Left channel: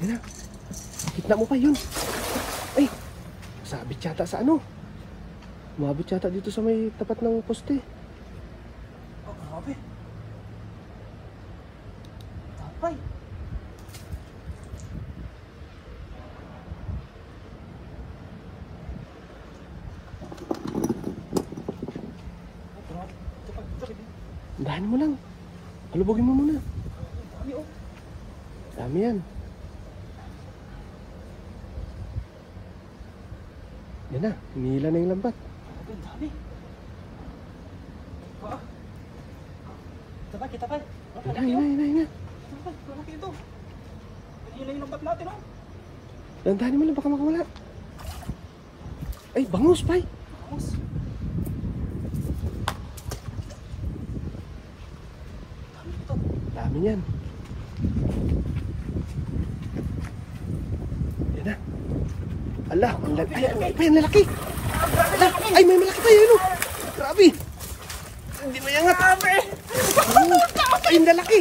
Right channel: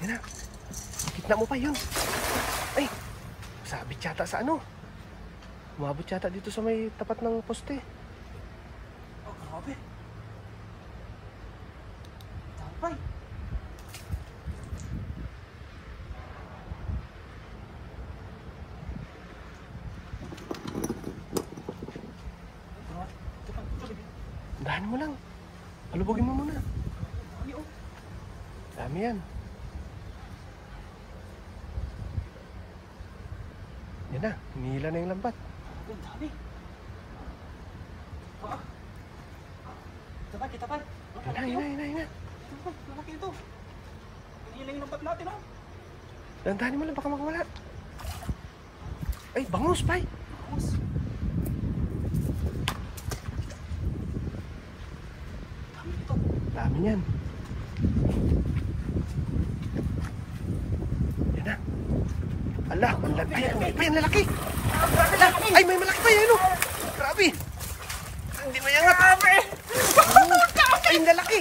Yan na. Kitna mo pa yun. Ay, sabit yata sa ano. Umabot yata dito sa may tapat ng poste. Oh, grabe. Tapay. Dahan mo lang. Kalubogin mo muna. Dami oh. Dami yan. Yan na, hinihila na yung lambat. Ang dami. Kita pa. Yan na. Malaki ito. Hinihila yung lambat natin oh. Dandahanin mo lang, baka makawala. Ay, bangus, bay. Bangus. Dami ito. Dami yan. Yan na. Ala, ang laki. Ay, pa yan, lalaki. Ay, may malaki pa yan, oh. Grabe. Hindi mayangat. Ay, ang lalaki.